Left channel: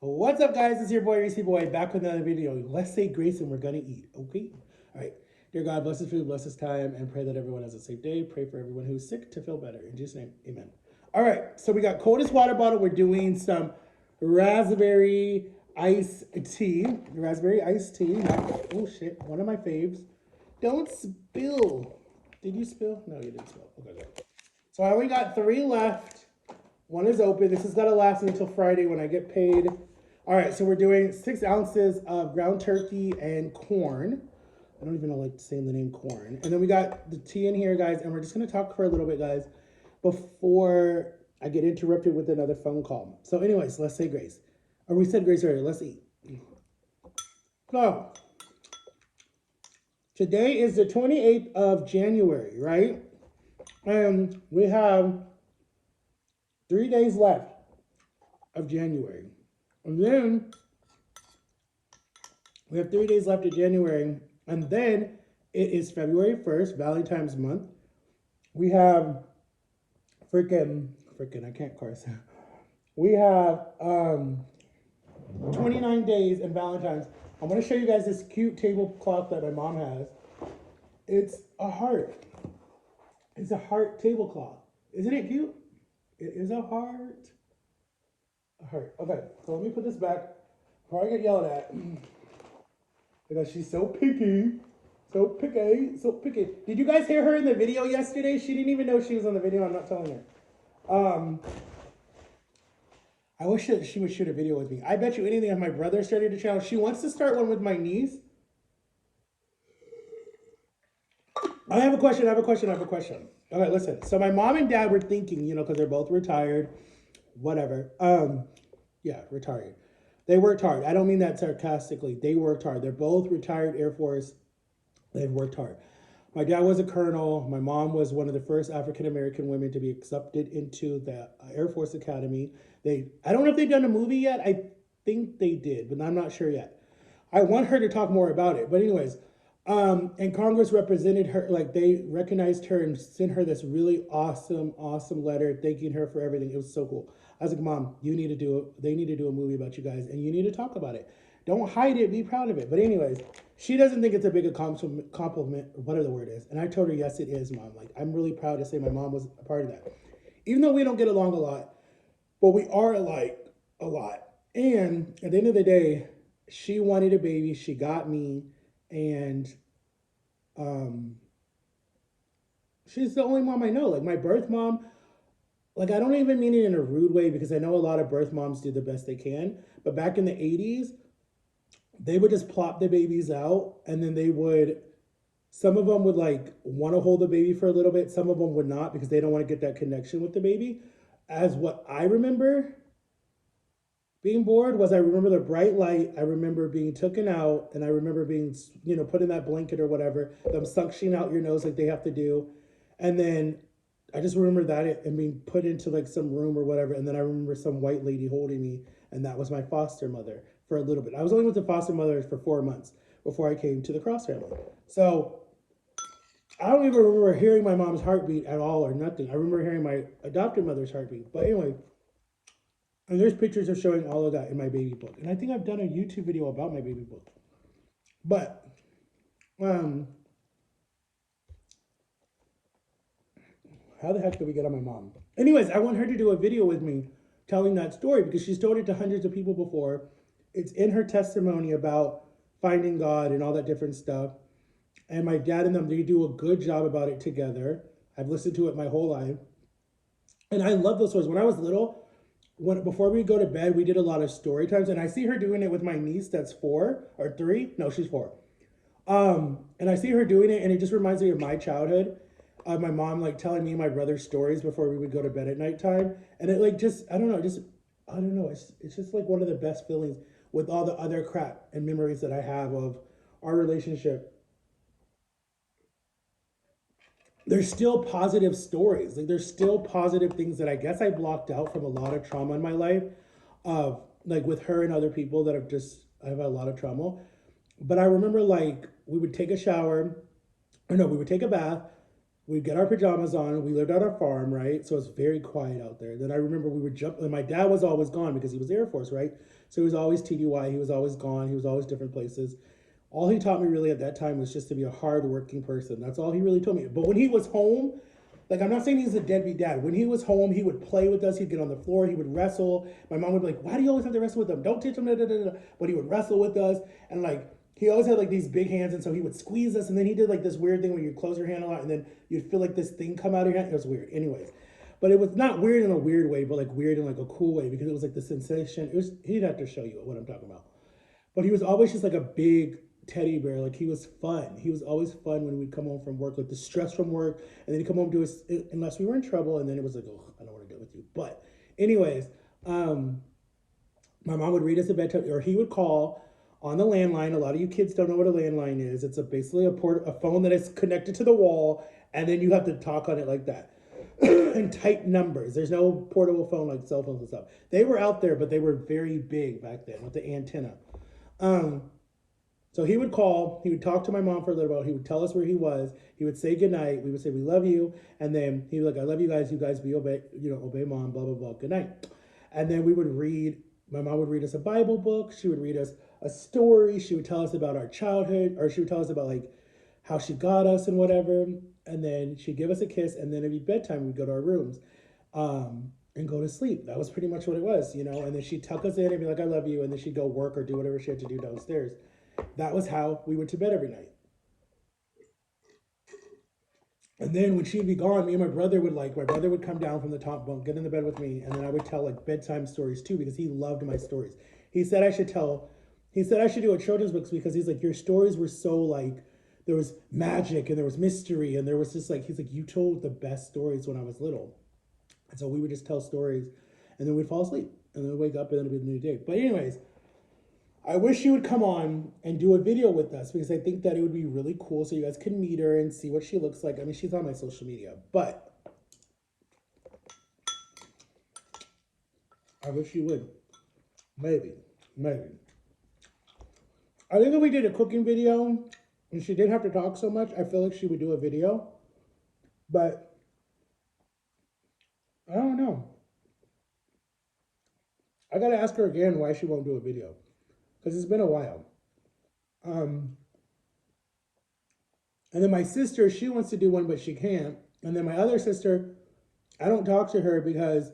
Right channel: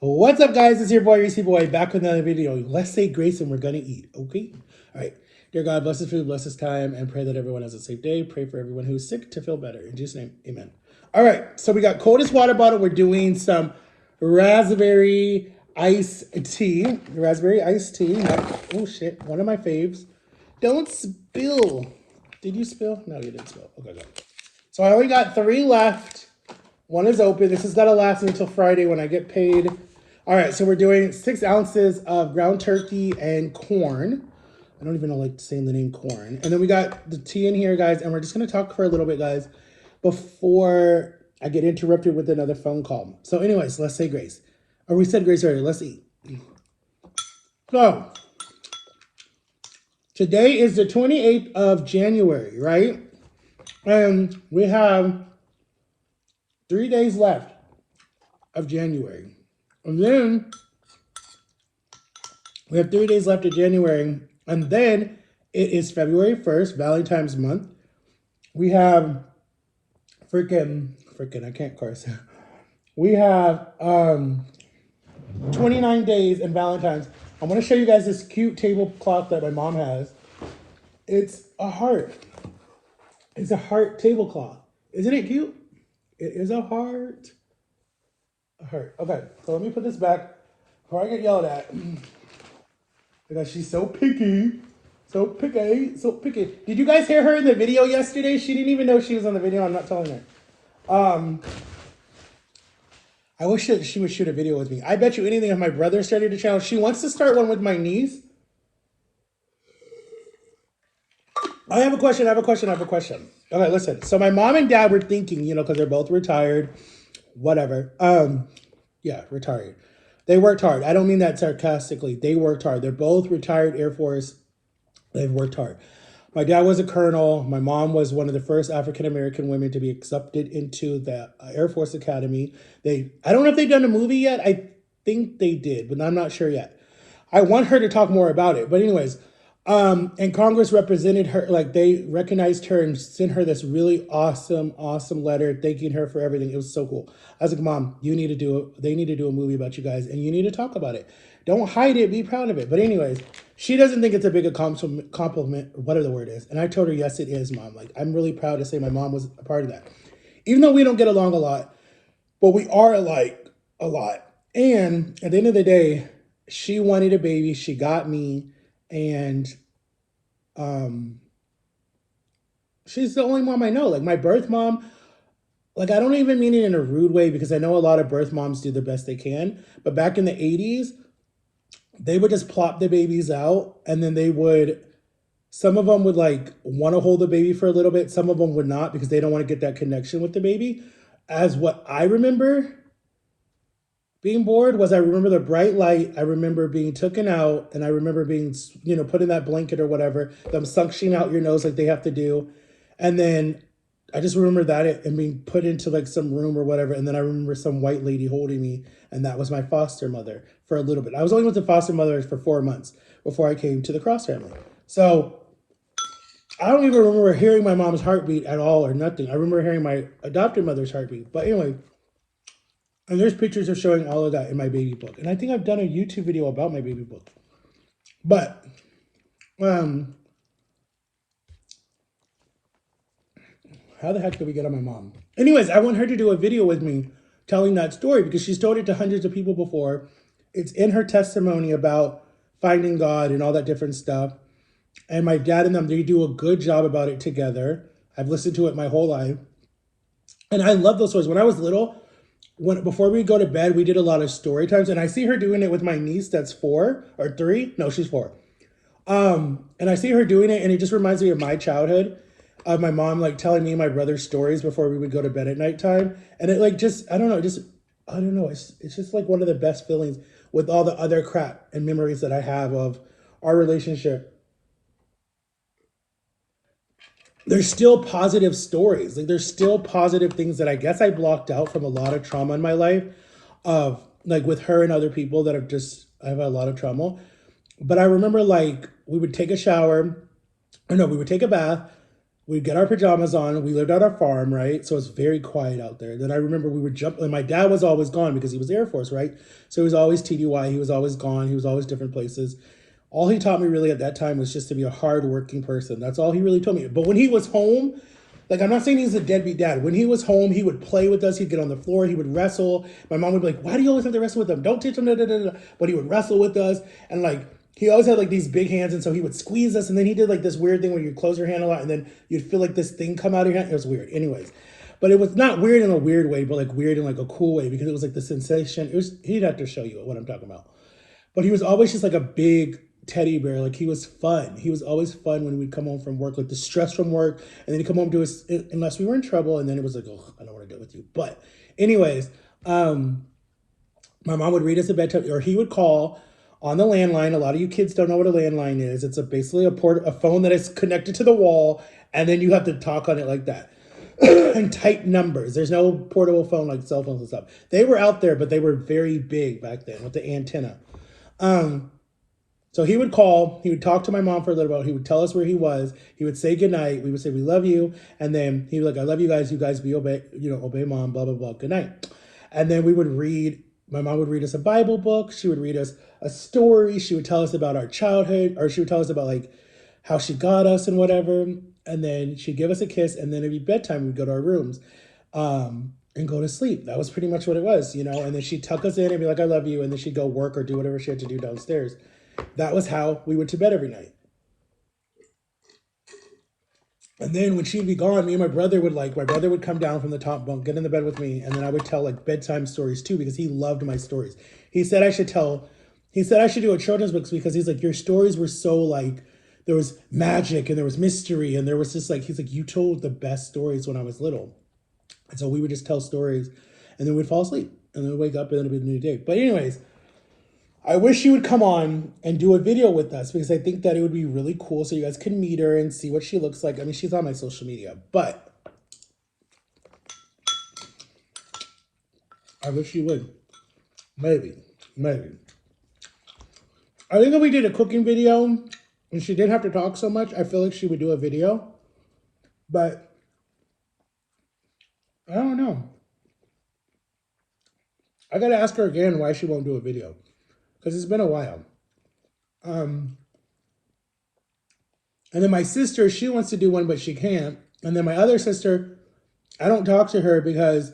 What's up, guys? It's your boy, Reese Boy, back with another video. Let's say grace and we're gonna eat, okay? All right. Dear God, bless this food, bless this time, and pray that everyone has a safe day. Pray for everyone who's sick to feel better. In Jesus' name, amen. All right, so we got coldest water bottle. We're doing some raspberry iced tea. Raspberry iced tea. Oh, shit. One of my faves. Don't spill. Did you spill? No, you didn't spill. Okay, good. So I only got 3 left. One is open. This has got to last until Friday when I get paid. All right, so we're doing 6 ounces of ground turkey and corn. I don't even know like saying the name corn. And then we got the tea in here, guys, and we're just gonna talk for a little bit, guys, before I get interrupted with another phone call. So, anyways, let's say grace. Or we said grace already. Let's eat. So today is the 28th of January, right? And we have 3 days left of January. And then we have 3 days left of January. And then it is February 1st, Valentine's month. We have freaking, I can't curse. We have 29 days in Valentine's. I want to show you guys this cute tablecloth that my mom has. It's a heart. It's a heart tablecloth. Isn't it cute? It is a heart. A heart. Okay, so let me put this back before I get yelled at. Because she's so picky. So picky. So picky. Did you guys hear her in the video yesterday? She didn't even know she was on the video. I'm not telling her. I wish that she would shoot a video with me. I bet you anything if my brother started a channel. She wants to start one with my niece. I have a question. Okay, listen. So my mom and dad were thinking, because they're both retired, whatever. Yeah, retired. They worked hard. I don't mean that sarcastically. They worked hard. They're both retired Air Force. They've worked hard. My dad was a colonel. My mom was one of the first African-American women to be accepted into the Air Force Academy. I don't know if they've done a movie yet. I think they did, but I'm not sure yet. I want her to talk more about it. But anyways, and Congress represented her, like they recognized her and sent her this really awesome letter thanking her for everything. It was so cool. I was like, Mom, they need to do a movie about you guys and you need to talk about it. Don't hide it, be proud of it. But anyways, she doesn't think it's a big compliment, whatever the word is. And I told her, yes, it is, Mom. Like, I'm really proud to say my mom was a part of that. Even though we don't get along a lot, but we are alike a lot. And at the end of the day, she wanted a baby. She got me. And she's the only mom I know. Like my birth mom, like I don't even mean it in a rude way because I know a lot of birth moms do the best they can. But back in the 80s, they would just plop the babies out and then some of them would like want to hold the baby for a little bit. Some of them would not because they don't want to get that connection with the baby. As what I remember being bored was I remember the bright light. I remember being taken out and I remember being, put in that blanket or whatever, them suctioning out your nose like they have to do. And then I just remember that and being put into like some room or whatever. And then I remember some white lady holding me and that was my foster mother for a little bit. I was only with the foster mother for 4 months before I came to the Cross family. So I don't even remember hearing my mom's heartbeat at all or nothing. I remember hearing my adopted mother's heartbeat. But anyway, and there's pictures of showing all of that in my baby book. And I think I've done a YouTube video about my baby book. But, how the heck did we get on my mom? Anyways, I want her to do a video with me telling that story because she's told it to hundreds of people before. It's in her testimony about finding God and all that different stuff. And my dad and them, they do a good job about it together. I've listened to it my whole life. And I love those stories. When I was little, before we go to bed, we did a lot of story times, and I see her doing it with my niece that's 4 or 3. No, she's 4. And I see her doing it, and it just reminds me of my childhood, of my mom like telling me and my brother stories before we would go to bed at nighttime, and it like just I don't know, it's just like one of the best feelings with all the other crap and memories that I have of our relationship. There's still positive stories. Like there's still positive things that I guess I blocked out from a lot of trauma in my life of like with her and other people that I have a lot of trauma. But I remember like we would take a shower, or no, we would take a bath, We'd get our pajamas on. We lived on a farm, right? So it's very quiet out there. Then I remember we would jump, and my dad was always gone because he was Air Force, right? So he was always TDY. He was always gone. He was always different places. All he taught me really at that time was just to be a hardworking person. That's all he really told me. But when he was home, like, I'm not saying he's a deadbeat dad. When he was home, he would play with us. He'd get on the floor. He would wrestle. My mom would be like, "Why do you always have to wrestle with them? Don't teach them." Da, da, da, da. But he would wrestle with us, and like he always had like these big hands, and so he would squeeze us. And then he did like this weird thing where you close your hand a lot, and then you'd feel like this thing come out of your hand. It was weird. Anyways, but it was not weird in a weird way, but like weird in like a cool way because it was like the sensation. It was he'd have to show you what I'm talking about. But he was always just like a big teddy bear. Like he was fun. He was always fun when we'd come home from work, like the stress from work, and then he'd come home to us unless we were in trouble, and then it was like, oh, I don't want to deal with you. But anyways, my mom would read us a bedtime, or he would call on the landline. A lot of you kids don't know what a landline is. It's basically a phone that is connected to the wall, and then you have to talk on it like that. And type numbers. There's no portable phone like cell phones and stuff. They were out there, but they were very big back then with the antenna. Um, so he would call, he would talk to my mom for a little bit, he would tell us where he was, he would say goodnight, we would say we love you, and then he would like, I love you guys be obey, obey mom, blah, blah, blah, good night. And then we would read, my mom would read us a Bible book, she would read us a story, she would tell us about our childhood, or she would tell us about like how she got us and whatever, and then she'd give us a kiss, and then it'd be bedtime, we'd go to our rooms. And go to sleep. That was pretty much what it was, and then she'd tuck us in and be like, I love you, and then she'd go work or do whatever she had to do downstairs. That was how we went to bed every night. And then when she'd be gone, me and my brother would come down from the top bunk, get in the bed with me, and then I would tell like bedtime stories too because he loved my stories. He said I should tell, he said I should do a children's books because he's like, your stories were so like, there was magic and there was mystery and there was just like, he's like, you told the best stories when I was little. And so we would just tell stories and then we'd fall asleep and then we'd wake up and then it'd be the new day. But anyways, I wish she would come on and do a video with us because I think that it would be really cool so you guys can meet her and see what she looks like. I mean, she's on my social media, but I wish she would. Maybe, maybe. I think if we did a cooking video and she didn't have to talk so much, I feel like she would do a video. But I don't know. I gotta ask her again why she won't do a video because it's been a while. Um, and then my sister, she wants to do one, but she can't. And then my other sister, I don't talk to her because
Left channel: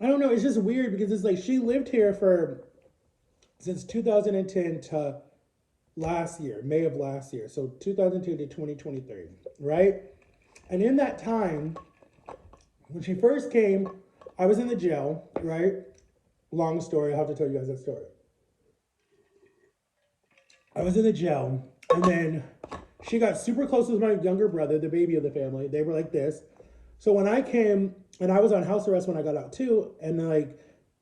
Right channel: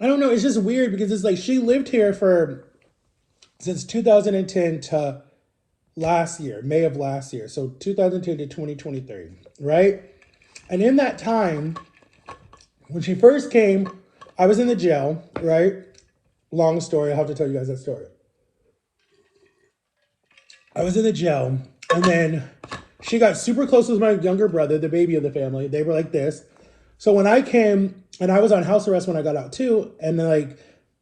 I don't know. It's just weird because it's like she lived here for since 2010 to last year, May of last year. So 2010 to 2023, right? And in that time, when she first came, I was in the jail, right? Long story. I'll have to tell you guys that story. I was in the jail, and then she got super close with my younger brother, the baby of the family. They were like this. So when I came, and I was on house arrest when I got out too, and like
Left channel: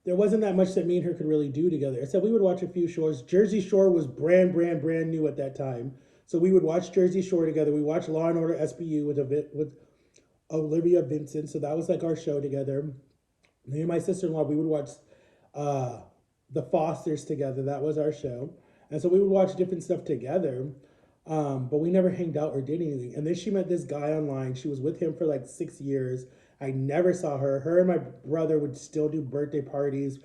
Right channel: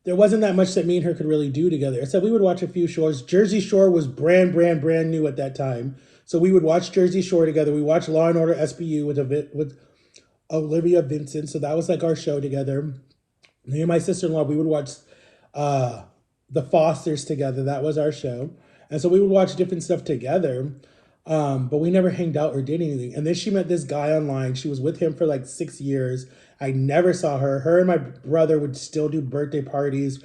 there wasn't that much that me and her could really do together. Except we would watch a few shows. Jersey Shore was brand new at that time. So we would watch Jersey Shore together. We watched Law and Order SBU with Olivia Vincent. So that was like our show together. Me and my sister-in-law, we would watch uh, The Fosters together. That was our show. And so we would watch different stuff together. But we never hanged out or did anything. And then she met this guy online. She was with him for like 6 years. I never saw her. Her and my brother would still do birthday parties,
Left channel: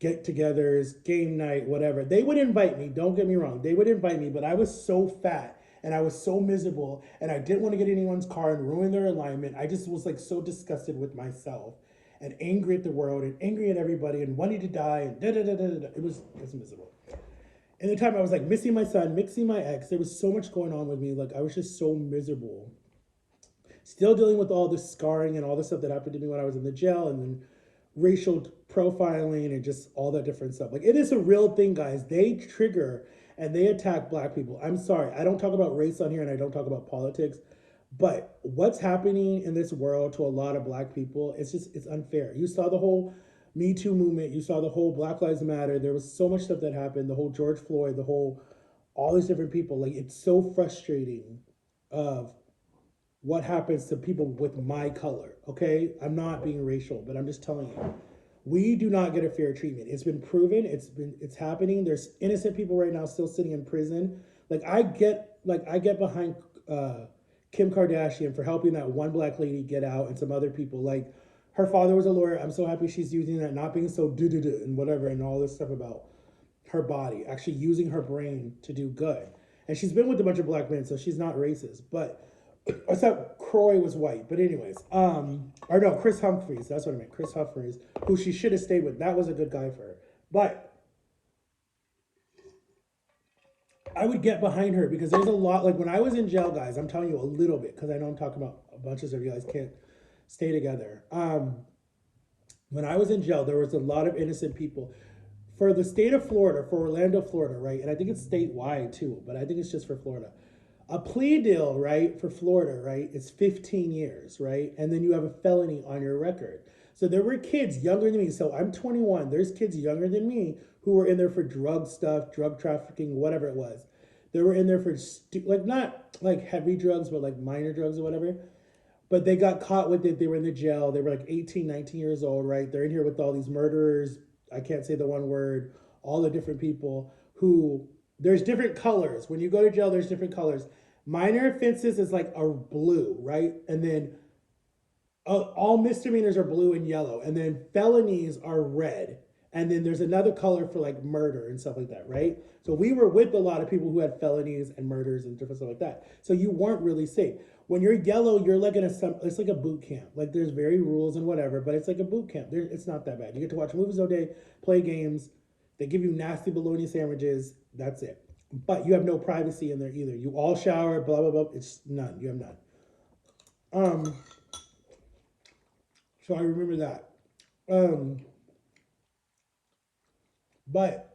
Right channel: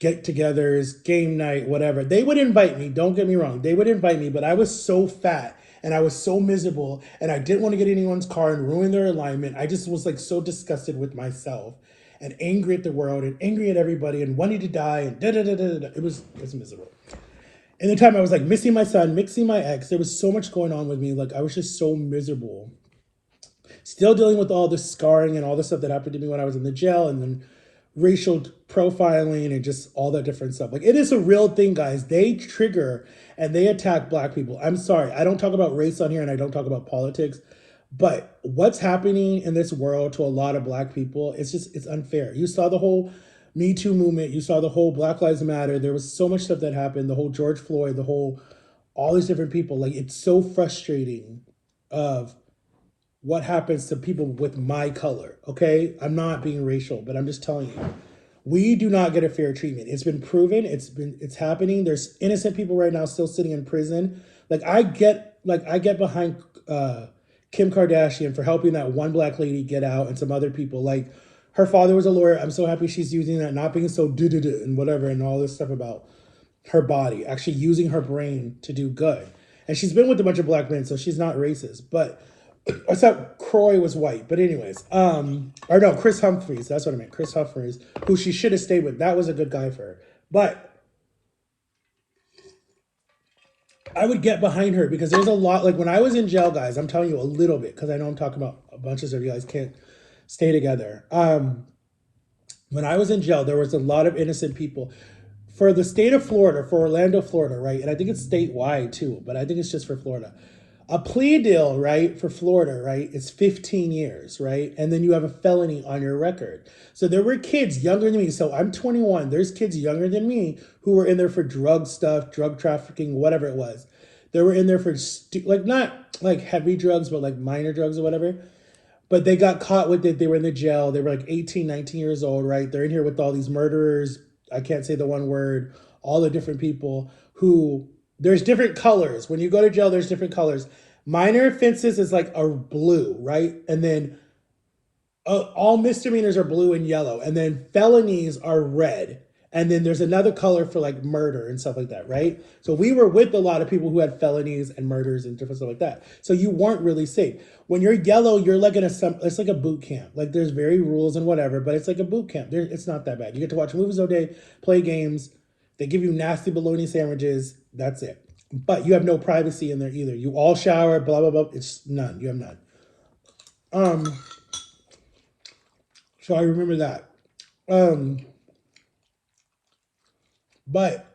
get-togethers, game night, whatever. They would invite me. Don't get me wrong. They would invite me, but I was so fat and I was so miserable and I didn't want to get anyone's car and ruin their alignment. I just was like so disgusted with myself and angry at the world and angry at everybody and wanting to die and da da da da da. It was miserable. In the time I was like missing my son, mixing my ex, there was so much going on with me. Like I was just so miserable. Still dealing with all the scarring and all the stuff that happened to me when I was in the jail and then racial profiling and just all that different stuff. Like it is a real thing, guys. They trigger and they attack black people. I'm sorry. I don't talk about race on here and I don't talk about politics, but what's happening in this world to a lot of black people, it's unfair. You saw the whole Me Too movement. You saw the whole Black Lives Matter. There was so much stuff that happened. The whole George Floyd, all these different people. Like it's so frustrating of what happens to people with my color. Okay, I'm not being racial, but I'm just telling you, we do not get a fair treatment. It's been proven. It's happening. There's innocent people right now still sitting in prison. Like I get behind Kim Kardashian for helping that one black lady get out and some other people. Like, her father was a lawyer. I'm so happy she's using that, not being so do and whatever and all this stuff about her body, actually using her brain to do good. And she's been with a bunch of black men, so she's not racist. But except Croy was white. But anyways, or no, Chris Humphries. That's what I meant. Chris Humphries, who she should have stayed with. That was a good guy for her. But I would get behind her because there's a lot. Like when I was in jail, guys, I'm telling you a little bit because I know I'm talking about a bunch of stuff. You guys can't stay together. When I was in jail, there was a lot of innocent people. For the state of Florida, for Orlando, Florida, right? And I think it's statewide too, but I think it's just for Florida. A plea deal, right, for Florida, right, is 15 years, right? And then you have a felony on your record. So there were kids younger than me. So I'm 21. There's kids younger than me who were in there for drug stuff, drug trafficking, whatever it was. They were in there for, like, not like heavy drugs, but like minor drugs or whatever. But they got caught with it. They were in the jail. They were like 18, 19 years old, right? They're in here with all these murderers. I can't say the one word. All the different people who, there's different colors. When you go to jail, there's different colors. Minor offenses is like a blue, right? And then all misdemeanors are blue and yellow. And then felonies are red. And then there's another color for like murder and stuff like that, right? So we were with a lot of people who had felonies and murders and different stuff like that. So you weren't really safe. When you're yellow, you're like in a, it's like a boot camp. Like there's very rules and whatever, but it's like a boot camp. It's not that bad. You get to watch movies all day, play games. They give you nasty bologna sandwiches. That's it. But you have no privacy in there either. You all shower, blah, blah, blah. It's none. You have none. So I remember that. But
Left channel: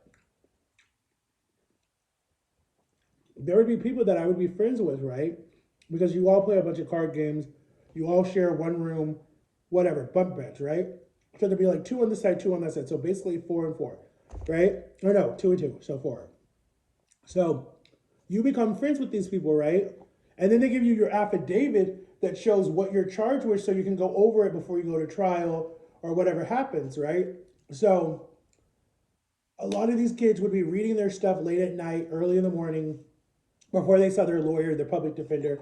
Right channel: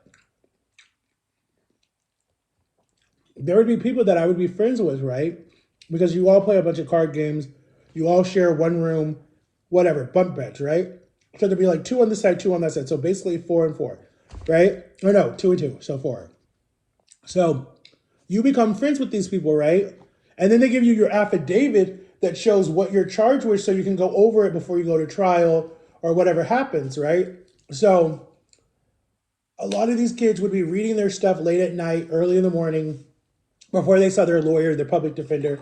there would be people that I would be friends with, right? Because you all play a bunch of card games, you all share one room, whatever, bunk beds, right? So there'd be like two on this side, two on that side. So basically 4 and 4, right? Or no, 2 and 2, so 4. So you become friends with these people, right? And then they give you your affidavit that shows what you're charged with so you can go over it before you go to trial or whatever happens, right? So a lot of these kids would be reading their stuff late at night, early in the morning, before they saw their lawyer, their public defender,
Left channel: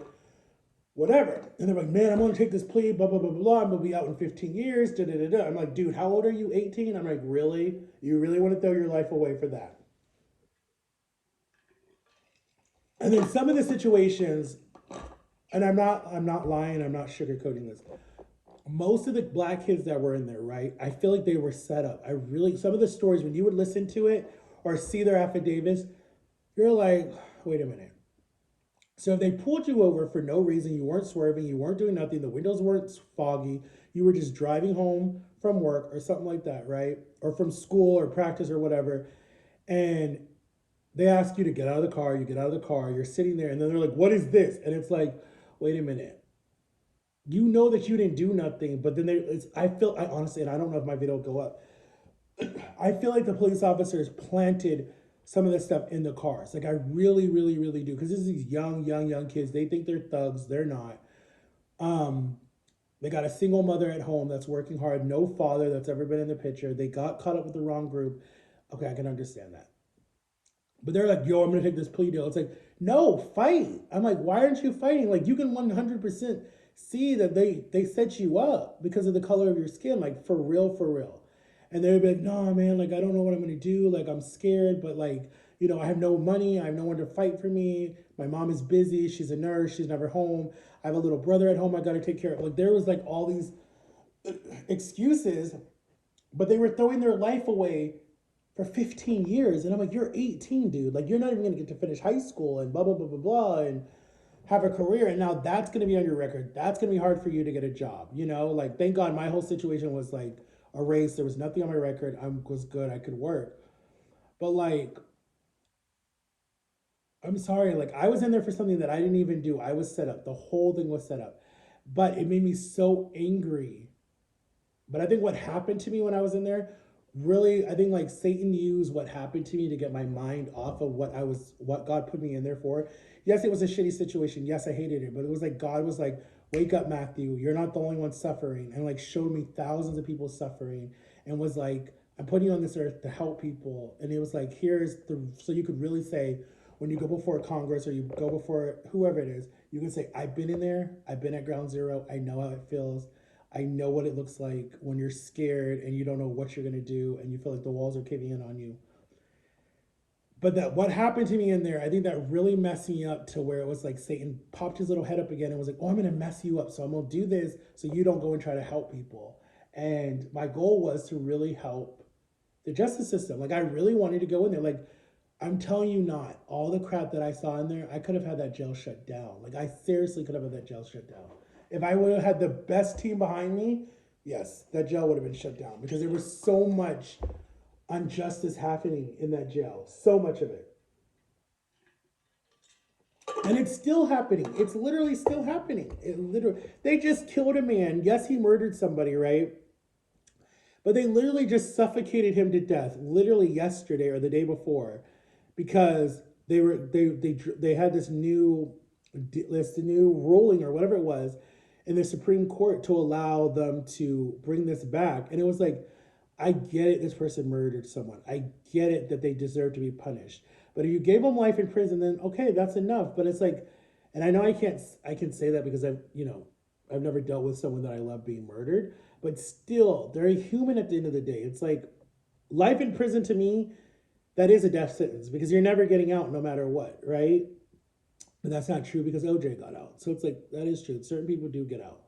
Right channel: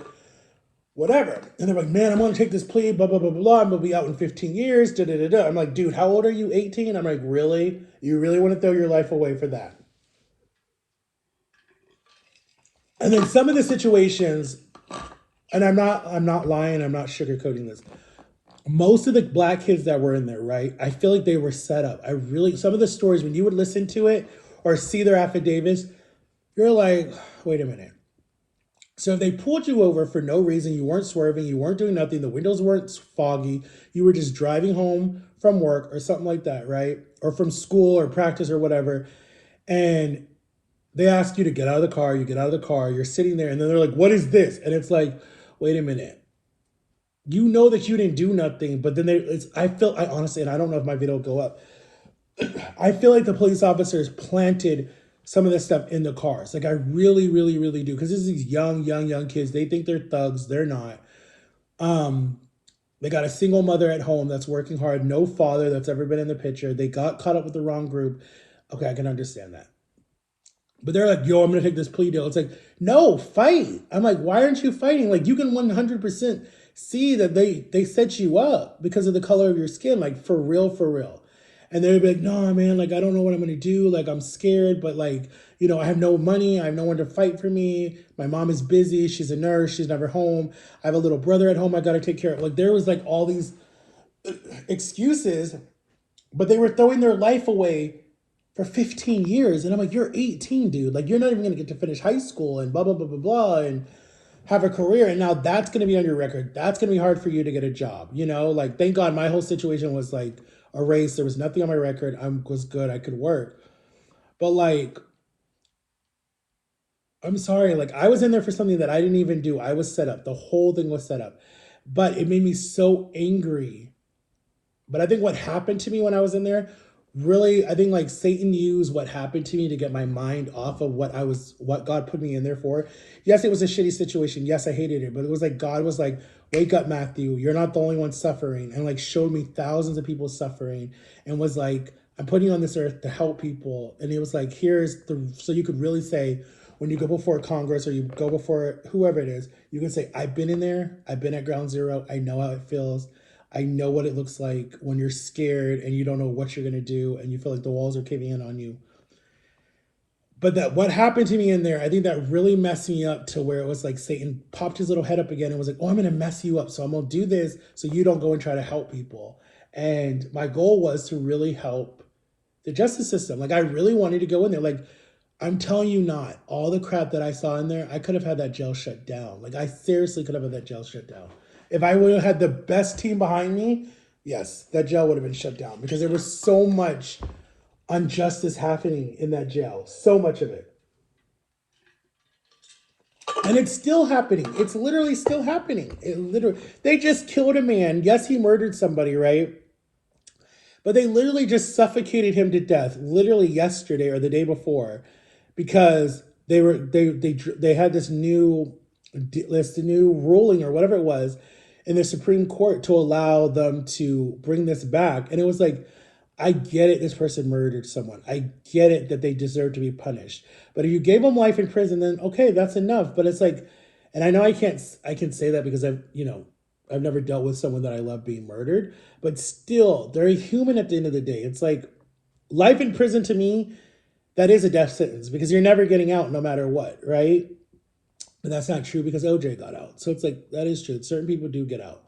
whatever. And they're like, man, I'm going to take this plea, blah, blah, blah, blah, blah. I'm going to be out in 15 years, da, da, da, da. I'm like, dude, how old are you, 18? I'm like, really? You really want to throw your life away for that? And then some of the situations, and I'm not lying, I'm not sugarcoating this. Most of the black kids that were in there, right? I feel like they were set up. Some of the stories, when you would listen to it or see their affidavits, you're like, wait a minute. So if they pulled you over for no reason, you weren't swerving, you weren't doing nothing, the windows weren't foggy, you were just driving home from work or something like that, right? Or from school or practice or whatever, and they ask you to get out of the car, you get out of the car, you're sitting there, and then they're like, what is this? And it's like, wait a minute. You know that you didn't do nothing, but then I honestly, and I don't know if my video will go up, I feel like the police officers planted some of this stuff in the cars. Like I really, really, really do. Because this is these young kids. They think they're thugs. They're not. Um, they got a single mother at home that's working hard. No father that's ever been in the picture. They got caught up with the wrong group. Okay, I can understand that. But they're like, yo, I'm going to take this plea deal. It's like, no, fight. I'm like, why aren't you fighting? Like, you can 100% see that they set you up because of the color of your skin. Like, for real, for real. And they'd be like, no, man, like, I don't know what I'm going to do. Like, I'm scared, but like, I have no money. I have no one to fight for me. My mom is busy. She's a nurse. She's never home. I have a little brother at home I got to take care of. Like, there was like all these excuses, but they were throwing their life away for 15 years. And I'm like, you're 18, dude. Like, you're not even going to get to finish high school and blah, blah, blah, blah, blah, and have a career. And now that's going to be on your record. That's going to be hard for you to get a job. Like, thank God my whole situation was like erased. There was nothing on my record. I was good. I could work. But like, I'm sorry. Like, I was in there for something that I didn't even do. I was set up. The whole thing was set up. But it made me so angry. But I think what happened to me when I was in there really, I think like Satan used what happened to me to get my mind off of what God put me in there for. Yes, it was a shitty situation. Yes, I hated it, but it was like God was like, wake up, Matthew, you're not the only one suffering, and like showed me thousands of people suffering, and was like, I'm putting you on this earth to help people. And it was like, so you could really say, when you go before Congress or you go before whoever it is, you can say, I've been in there, I've been at ground zero, I know how it feels. I know what it looks like when you're scared and you don't know what you're gonna do and you feel like the walls are caving in on you. But that what happened to me in there, I think that really messed me up to where it was like Satan popped his little head up again and was like, "Oh, I'm gonna mess you up, so I'm gonna do this so you don't go and try to help people." And my goal was to really help the justice system. Like I really wanted to go in there. Like I'm telling you, not all the crap that I saw in there. I could have had that jail shut down. Like I seriously could have had that jail shut down. If I would have had the best team behind me, yes, that jail would have been shut down because there was so much injustice happening in that jail. So much of it. And it's still happening. It's literally still happening. It literally they just killed a man. Yes, he murdered somebody, right? But they literally just suffocated him to death literally yesterday or the day before because they had this new ruling or whatever it was in the Supreme Court to allow them to bring this back. And it was like, I get it, this person murdered someone. I get it that they deserve to be punished. But if you gave them life in prison, then okay, that's enough. But it's like, and I know I can say that because I've never dealt with someone that I love being murdered, but still, they're a human at the end of the day. It's like life in prison to me, that is a death sentence because you're never getting out no matter what, right? But that's not true because OJ got out. So it's like, that is true. Certain people do get out.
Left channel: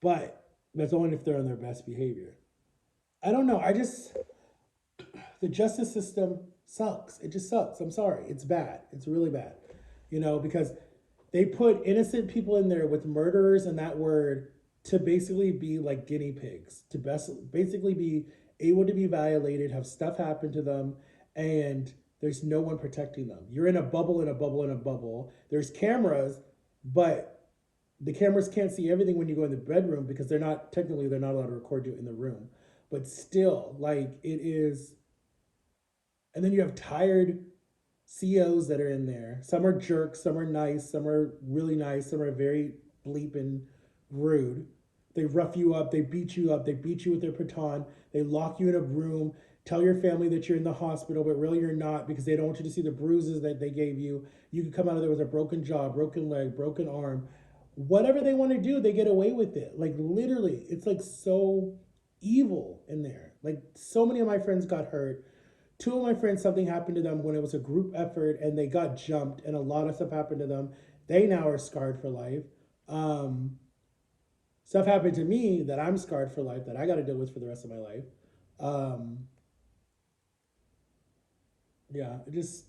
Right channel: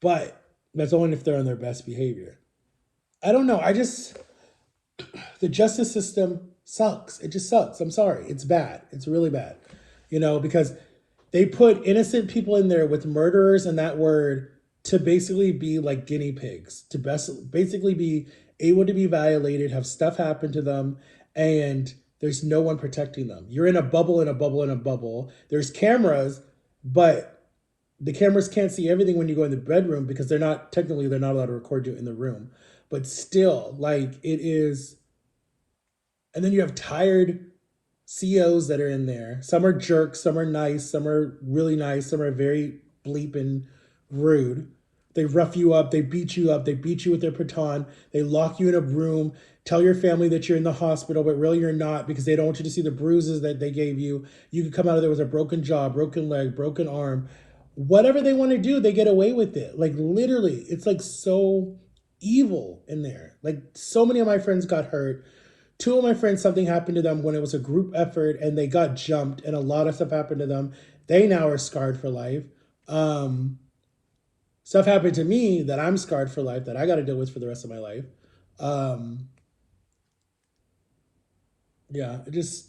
But that's only if they're on their best behavior. I don't know. The justice system sucks. It just sucks. I'm sorry. It's bad. It's really bad. Because they put innocent people in there with murderers and that word to basically be like guinea pigs, to basically be able to be violated, have stuff happen to them, and there's no one protecting them. You're in a bubble, in a bubble, in a bubble. There's cameras, but the cameras can't see everything when you go in the bedroom because they're not allowed to record you in the room. But still, like it is, and then you have tired CEOs that are in there. Some are jerks, some are nice, some are really nice, some are very bleeping rude. They rough you up, they beat you with their baton, they lock you in a room, tell your family that you're in the hospital, but really you're not because they don't want you to see the bruises that they gave you. You could come out of there with a broken jaw, broken leg, broken arm. Whatever they want to do, they get away with it. Like literally, it's like so evil in there. Like so many of my friends got hurt. Two of my friends, something happened to them when it was a group effort and they got jumped and a lot of stuff happened to them. They now are scarred for life. Um, Stuff happened to me that I'm scarred for life that I got to deal with for the rest of my life. Um, yeah, it just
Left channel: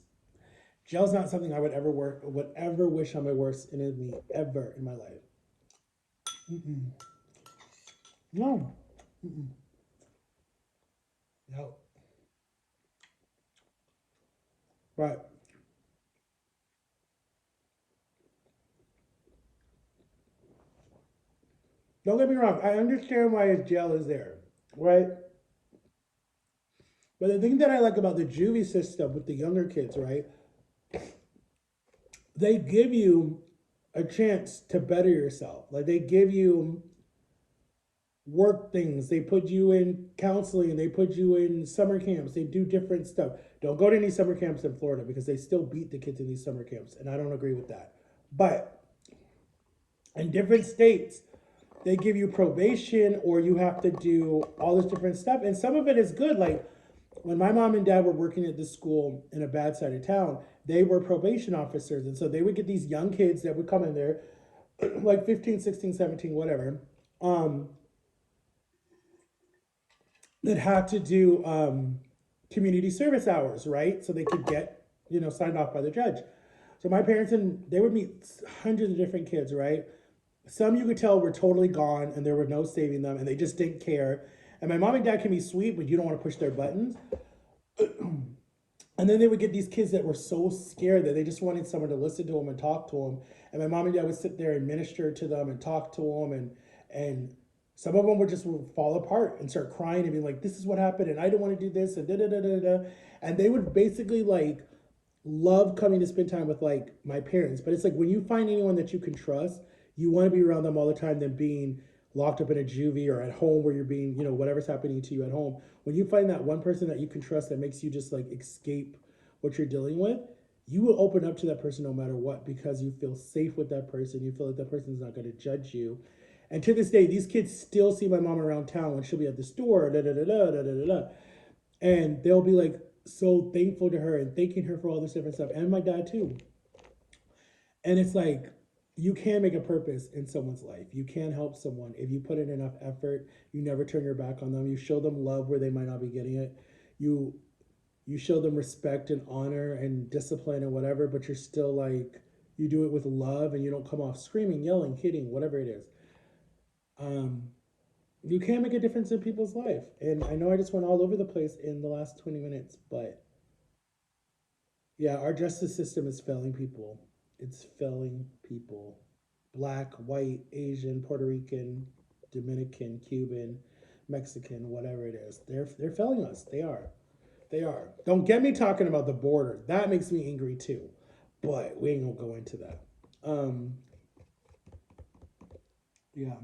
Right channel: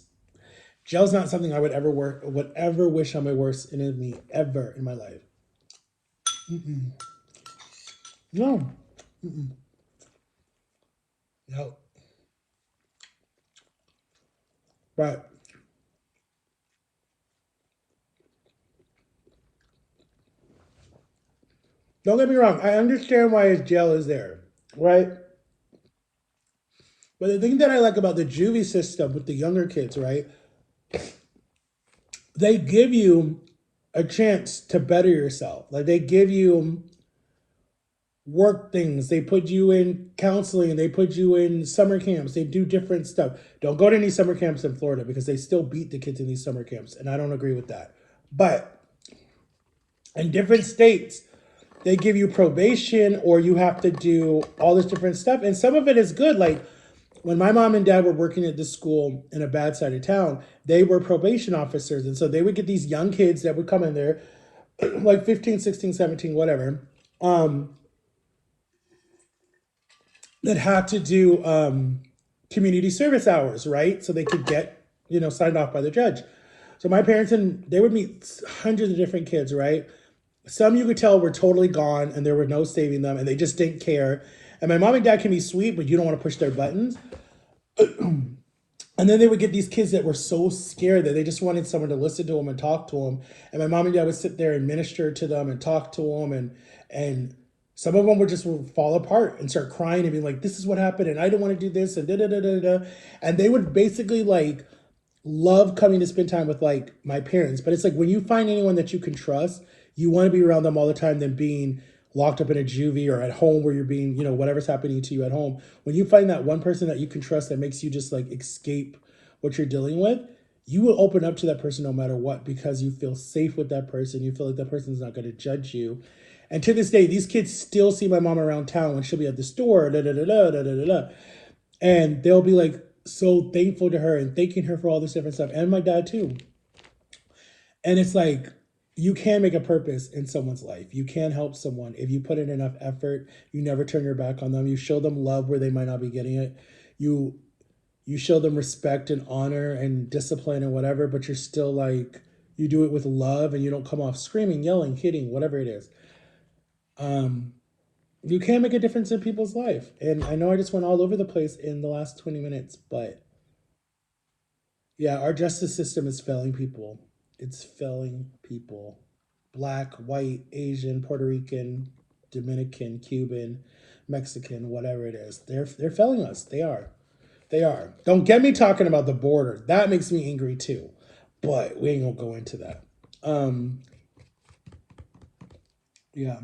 jail's not something I would ever wish on my worst enemy ever in my life. Mm-mm. No. Mm-mm. No. Right. Don't get me wrong. I understand why his jail is there, right? But the thing that I like about the juvie system with the younger kids, right? They give you a chance to better yourself. Like they give you work things. They put you in counseling. They put you in summer camps. They do different stuff. Don't go to any summer camps in Florida because they still beat the kids in these summer camps, and I don't agree with that. But in different states, they give you probation or you have to do all this different stuff, and some of it is good. Like when my mom and dad were working at this school in a bad side of town, they were probation officers, and so they would get these young kids that would come in there like 15, 16, 17, whatever, um, that had to do community service hours, right? So they could get, signed off by the judge. So my parents and they would meet hundreds of different kids, right? Some you could tell were totally gone and there were no saving them and they just didn't care. And my mom and dad can be sweet, but you don't want to push their buttons. And then they would get these kids that were so scared that they just wanted someone to listen to them and talk to them. And my mom and dad would sit there and minister to them and talk to them. And some of them would just fall apart and start crying and be like, this is what happened. And I don't want to do this and da da da da da. And they would basically like love coming to spend time with like my parents. But it's like when you find anyone that you can trust, you want to be around them all the time than being locked up in a juvie or at home where you're being, whatever's happening to you at home. When you find that one person that you can trust that makes you just like escape what you're dealing with, you will open up to that person no matter what because you feel safe with that person. You feel like that person's not going to judge you. And to this day, these kids still see my mom around town when she'll be at the store, da da da da da da da da, and they'll be like so thankful to her and thanking her for all this different stuff, and my dad too. And it's like you can make a purpose in someone's life. You can help someone if you put in enough effort. You never turn your back on them. You show them love where they might not be getting it. You you show them respect and honor and discipline and whatever, but you're still like you do it with love and you don't come off screaming, yelling, hitting, whatever it is. Um, you can make a difference in people's life. And I know I just went all over the place in the last 20 minutes, but yeah, our justice system is failing people. It's failing people. Black, white, Asian, Puerto Rican, Dominican, Cuban, Mexican, whatever it is. They're failing us. They are. They are. Don't get me talking about the border. That makes me angry too. But we ain't gonna go into that. Um, yeah.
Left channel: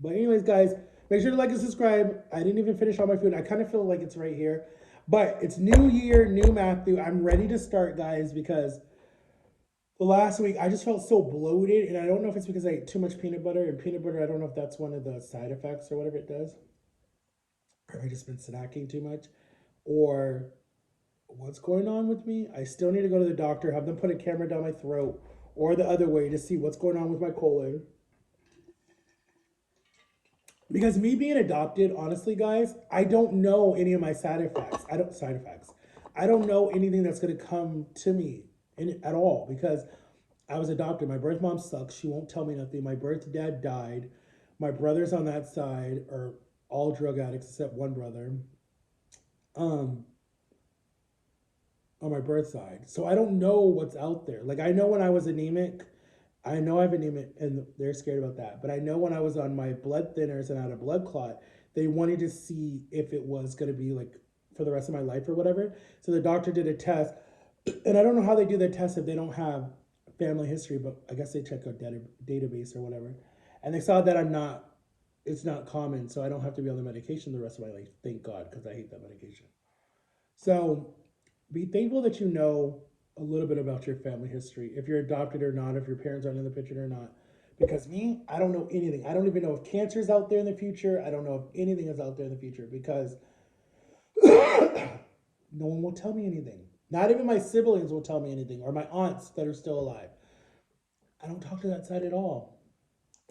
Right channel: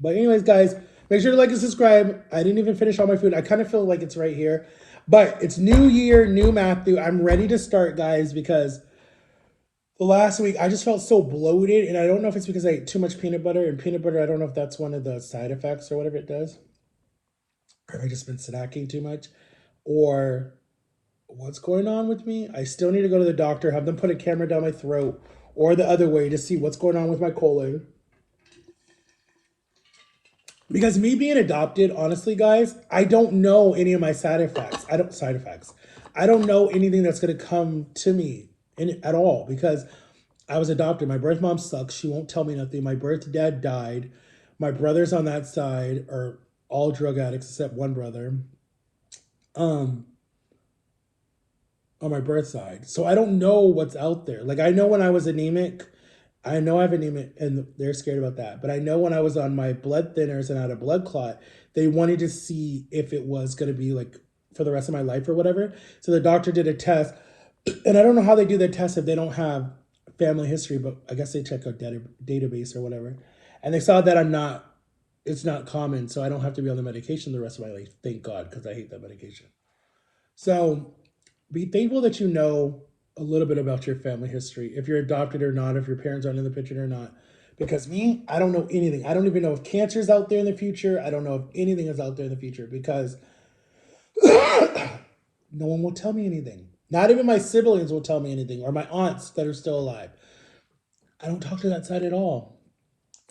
But anyways, guys, make sure to like and subscribe. I didn't even finish all my food. I kind of feel like it's right here. But it's new year, new Matthew. I'm ready to start, guys, because the last week I just felt so bloated, and I don't know if it's because I ate too much peanut butter. And peanut butter, I don't know if that's one of the side effects or whatever it does, or have I just been snacking too much, or what's going on with me. I still need to go to the doctor, have them put a camera down my throat, or the other way to see what's going on with my colon. Because me being adopted, honestly, guys, I don't know any of my side effects. I don't side effects. I don't know anything that's gonna come to me at all because I was adopted. My birth mom sucks. She won't tell me nothing. My birth dad died. My brothers on that side are all drug addicts except one brother. Um, on my birth side. So I don't know what's out there. Like I know when I was anemic, I know I have anemia and they're scared about that. But I know when I was on my blood thinners and had a blood clot, they wanted to see if it was going to be like for the rest of my life or whatever. So the doctor did a test. And I don't know how they do their test if they don't have family history, but I guess they check out database or whatever. And they saw that it's not common. So I don't have to be on the medication the rest of my life. Thank God, because I hate that medication. So be thankful that you know a little bit about your family history, if you're adopted or not, if your parents aren't in the picture or not. Because me, I don't know anything. I don't even know if cancer is out there in the future. I don't know if anything is out there in the future because no one will tell me anything. Not even my siblings will tell me anything, or my aunts that are still alive. I don't talk to that side at all.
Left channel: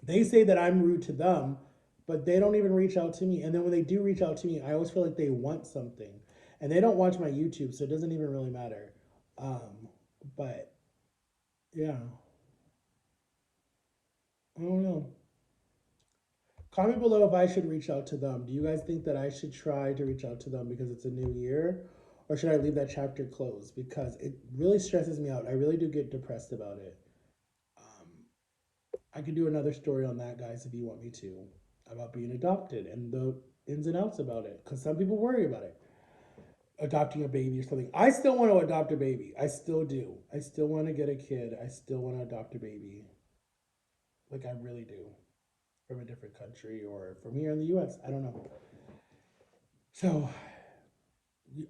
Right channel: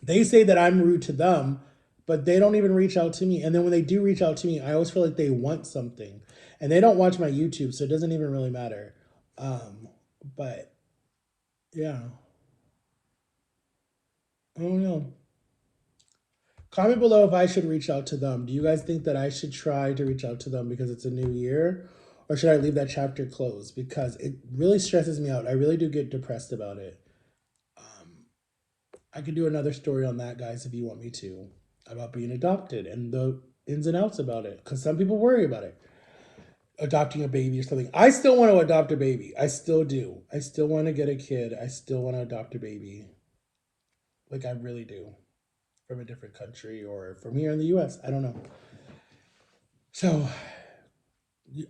They say that I'm rude to them, but they don't even reach out to me. And then when they do reach out to me, I always feel like they want something. And they don't watch my YouTube, so it doesn't even really matter. But yeah, I don't know. Comment below if I should reach out to them. Do you guys think that I should try to reach out to them because it's a new year? Or should I leave that chapter closed? Because it really stresses me out. I really do get depressed about it. Um, I could do another story on that, guys, if you want me to, about being adopted and the ins and outs about it. Because some people worry about it, adopting a baby or something. I still want to adopt a baby. I still do. I still want to get a kid. I still want to adopt a baby. Like I really do. From a different country or from here in the US. I don't know. So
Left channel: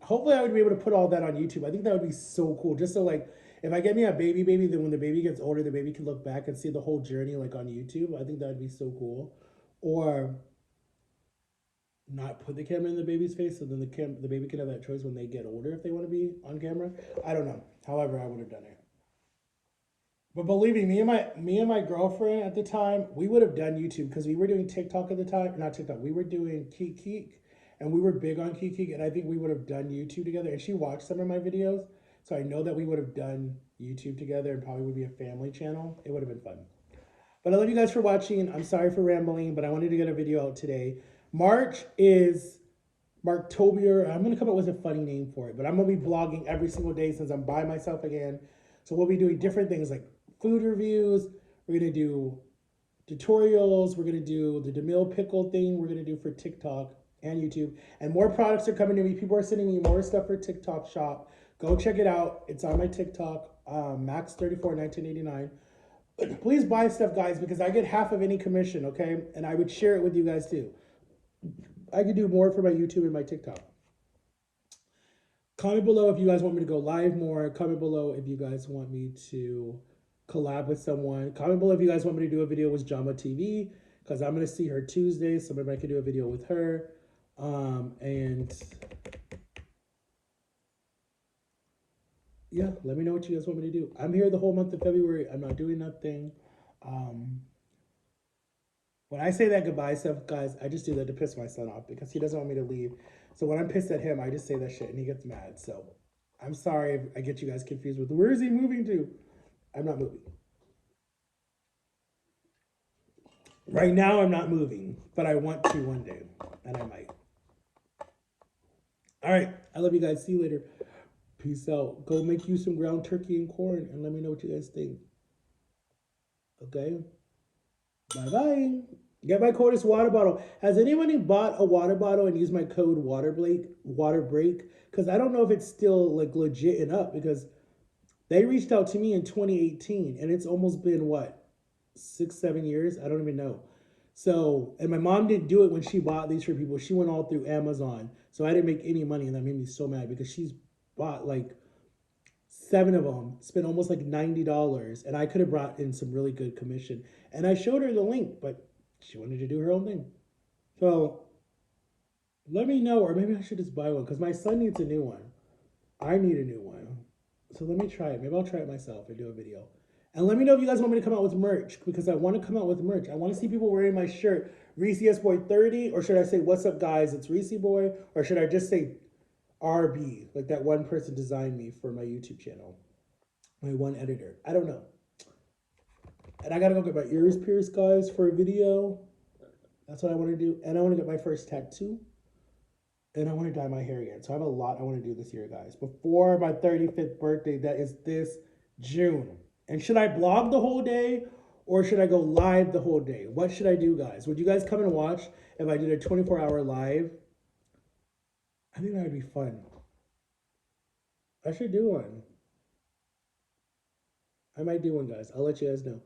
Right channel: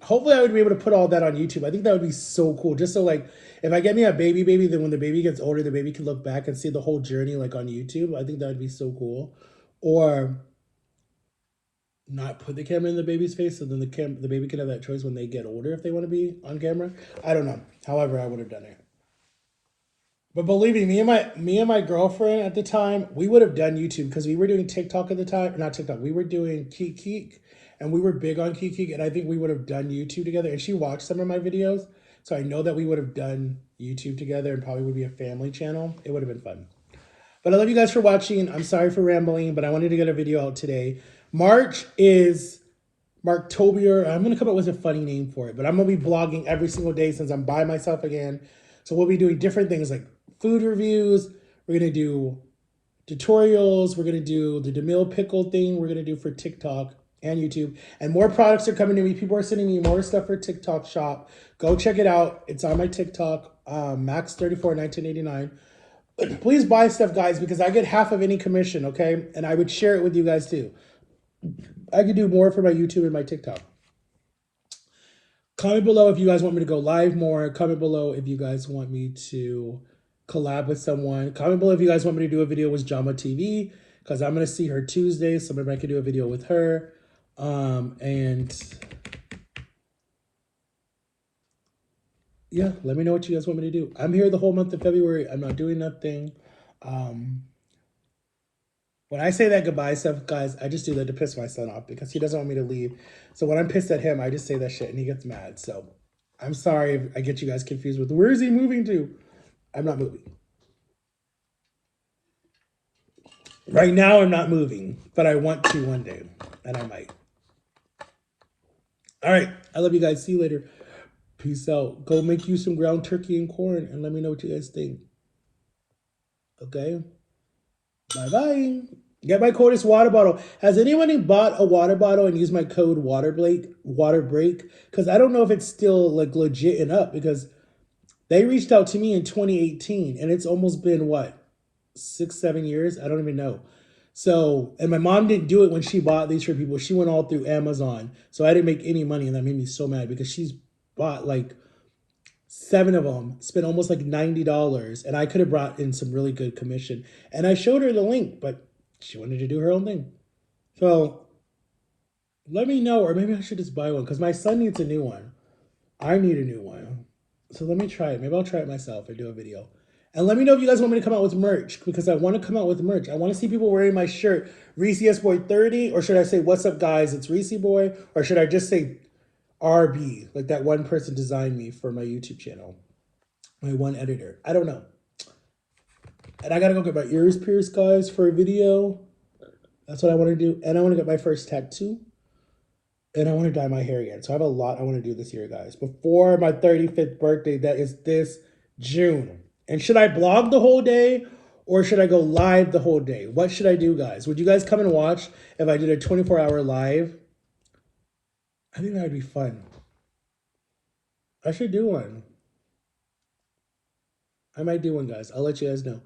hopefully I would be able to put all that on YouTube. I think that would be so cool. Just so like if I get me a baby, then when the baby gets older, the baby can look back and see the whole journey like on YouTube. I think that would be so cool. Or not put the camera in the baby's face, so then the baby can have that choice when they get older if they want to be on camera. I don't know. However, I would have done it. But believe me, me and my girlfriend at the time, we would have done YouTube because we were doing TikTok at the time. Not TikTok. We were doing Keek, and we were big on Keek, and I think we would have done YouTube together. And she watched some of my videos, so I know that we would have done YouTube together and probably would be a family channel. It would have been fun. But I love you guys for watching. I'm sorry for rambling, but I wanted to get a video out today. March is Marktober. I'm gonna come up with a funny name for it, but I'm gonna be blogging every single day since I'm by myself again. So we'll be doing different things like food reviews. We're gonna do tutorials. We're gonna do the DeMille pickle thing. We're gonna do for TikTok and YouTube. And more products are coming to me. People are sending me more stuff for TikTok shop. Go check it out. It's on my TikTok, Max34 1989. Please buy stuff, guys, because I get half of any commission, okay? And I would share it with you guys too. I could do more for my YouTube and my TikTok. Comment below if you guys want me to go live more. Comment below if you guys want me to collab with someone. Comment below if you guys want me to do a video with Jama TV, because I'm going to see her Tuesday, so maybe I could do a video with her. And yeah, let me know what you guys want me to do. I'm here the whole month of February. I'm not doing nothing. Um, when I say that goodbye stuff, guys, I just do that to piss my son off because he doesn't want me to leave. So when I'm pissed at him, I just say that shit and he gets mad. So I'm sorry if I get you guys confused with where is he moving to? I'm not moving. Right now, I'm not moving, but I want to one day, and I might. All right. I love you guys. See you later. Peace out. Go make you some ground turkey and corn and let me know what you guys think. Okay? Bye bye. Get my code is water bottle. Has anybody bought a water bottle and used my code water break? Because I don't know if it's still like legit and up because they reached out to me in 2018 and it's almost been what, 6, 7 years? I don't even know. So, and my mom didn't do it when she bought these for people. She went all through Amazon. So I didn't make any money and that made me so mad because she's bought like 7 of them, spent almost like $90, and I could have brought in some really good commission. And I showed her the link, but she wanted to do her own thing. So let me know, or maybe I should just buy one because my son needs a new one. I need a new one. So let me try it. Maybe I'll try it myself and do a video. And let me know if you guys want me to come out with merch because I want to come out with merch. I want to see people wearing my shirt, Reese S Boy 30, or should I say, "What's up, guys? It's Reese Boy," or should I just say RB, like that one person designed me for my YouTube channel, my one editor. I don't know. And I gotta go get my ears pierced, guys, for a video. That's what I want to do. And I want to get my first tattoo. And I want to dye my hair again. So I have a lot I want to do this year, guys. Before my 35th birthday, that is this June. And should I blog the whole day or should I go live the whole day? What should I do, guys? Would you guys come and watch if I did a 24-hour live? I think that would be fun. I should do one. I might do one, guys. I'll let you guys know.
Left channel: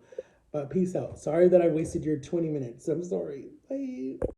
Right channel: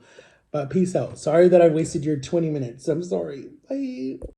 But peace out. Sorry that I wasted your 20 minutes. I'm sorry. Bye.